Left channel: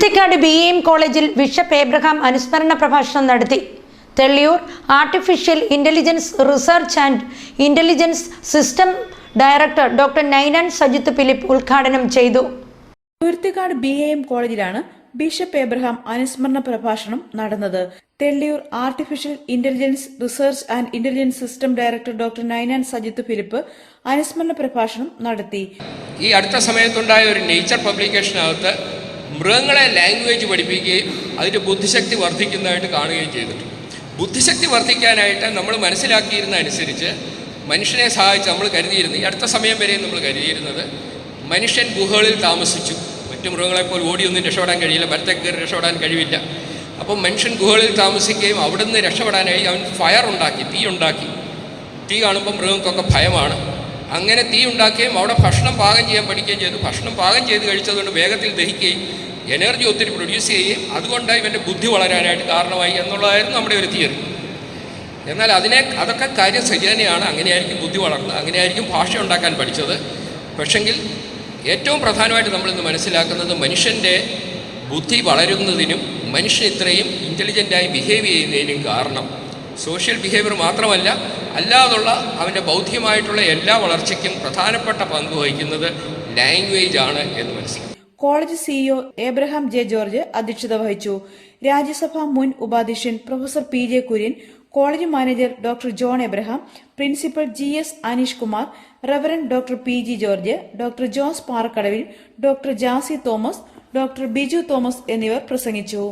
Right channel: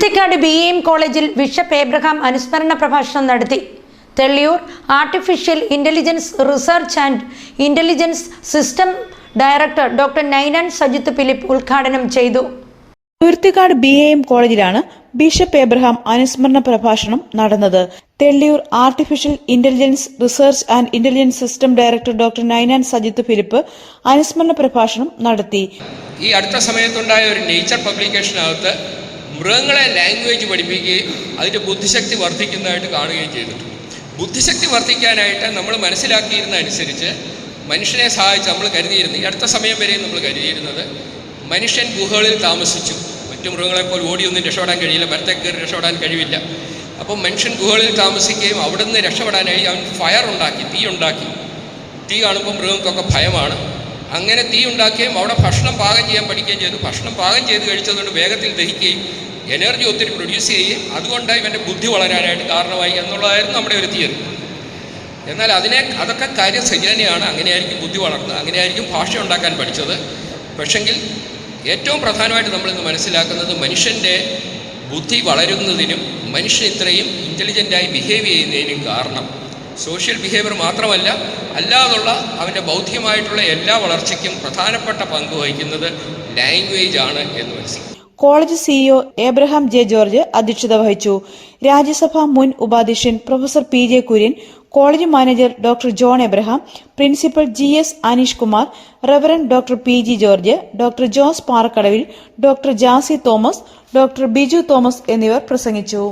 Thuruthikkad B M കോളേജിൽ bishop Abraham അനുസ്മരണ പ്രഭാഷണം നടത്തി. Thelliyoor artificial intelligence research and intelligence system director doctor Ninan Sajith Philip ഉദ്ഘാടനം ചെയ്തു. തുരുത്തിക്കാട് ബി എം കോളേജിലാണ് ബിഷപ്പ് ഏബ്രഹാം അനുസ്മരണ പ്രഭാഷണം നടന്നത്. Thelliyoor artificial intelligence research and intelligence system director doctor Ninan Sajith Philip അനുസ്മരണ പ്രഭാഷണം നടത്തി. ഈ അടുത്ത സമയത്തുണ്ടായ ഒരു നേച്ചർ പബ്ലിക്കേഷനകത്ത് മൃഗങ്ങളെ ലാംഗ്വേജ് പഠിപ്പിക്കുകയും അതിന്റെ ബുദ്ധിശക്തി വർദ്ധിക്കുന്നതായിട്ട് കാണുകയും ചെയ്തിട്ടുണ്ട്. ബുദ്ധിശക്തി വർദ്ധിക്കാനായിട്ട് നമ്മൾ മനസ്സിലാക്കിയിരുന്ന അനുസരിച്ച് മനുഷ്യനെ സഹായിച്ച് നമ്മൾ കരുതിയിരുന്നു. ഈ അടുത്ത സമയം വരെ നമ്മൾ കരുതിയിരുന്നത് മനുഷ്യൻ ഗുഹകളിൽ താമസിച്ചു. മറ്റു മൃഗങ്ങളെപ്പോലെ ഓടിയൊന്നും രക്ഷപ്പെടാൻ കഴിയില്ല. മരത്തെ കയറി രക്ഷപ്പെടാൻ കഴിവില്ല. അപ്പം മനുഷ്യൻ ഗുഹകളിൽ താമസിക്കുകയും അവിടെ നിന്ന് രക്ഷപ്പെടാനായി അവൻ ഫയർ ഉണ്ടാക്കി തീ ഉണ്ടാക്കി. തീ കാണുമ്പോൾ മൃഗങ്ങൾക്കൊക്കെ ഭയമാണ്. അങ്ങനെ തീ ഉണ്ടാക്കുകയും അവിടെ ഭക്ഷണം പാകം ചെയ്യാൻ പഠിക്കുകയും ചെയ്തു. ഭക്ഷണം പാകം ചെയ്ത് കഴിച്ചതുകൊണ്ട് വേഗത്തിൽ ദഹിക്കുകയും എനർജി ഒത്തിരി പ്രൊഡ്യൂസ് ചെയ്യുകയും അതുകൊണ്ട് ഇവന്റെ ബുദ്ധി വളരാനായിട്ട് കാരണമായി എന്നുള്ളതായിരുന്നു നമ്മുടെ ഒരു തിയറി എന്നാൽ അതിനെ അതൊക്കെ കാര്യം സജീവനെയാണ് അങ്ങനെയായിരിക്കും ബുദ്ധി വളർന്നത് അങ്ങനെയായിരിക്കും ഭാഷ ഉണ്ടാക്കാൻ പഠിച്ചത്. പക്ഷെങ്കിൽ ഏറ്റവും പ്രധാനമായിട്ട് നമ്മളിന്ന് മനസ്സിലാക്കുന്നത് മനുഷ്യന്റെ ബുദ്ധി വളരുന്നതിനും മനുഷ്യൻ ഇത്രയും ഇന്റലിജന്റായി ബിഹേവ് ചെയ്യുന്നതിനും കാരണം സോഷ്യൽ ബിഹേവിയർ മാത്രമല്ല അല്ലാതുള്ള അവന്റെ ബൗദ്ധികമായിട്ടുള്ള എല്ലാ വളർച്ചയ്ക്കും പ്രധാനപ്പെട്ട പങ്ക് വഹിക്കുന്നത് ലാംഗ്വേജ് ആണ് എന്ന് മനസ്സിലാക്കി. College CEO Abraham J George അധ്യക്ഷത വഹിച്ചു. രാജ്യസഭാ മുൻ ഉപാധ്യക്ഷൻ professor P J Kurian college manager doctor John Abraham principal G S Aneesh Kumar reverend doctor P G George doctor Jose Parakkadavil doctor Jassy Thomas doctor Biju Thomas എന്നിവർ പ്രസംഗിച്ചു.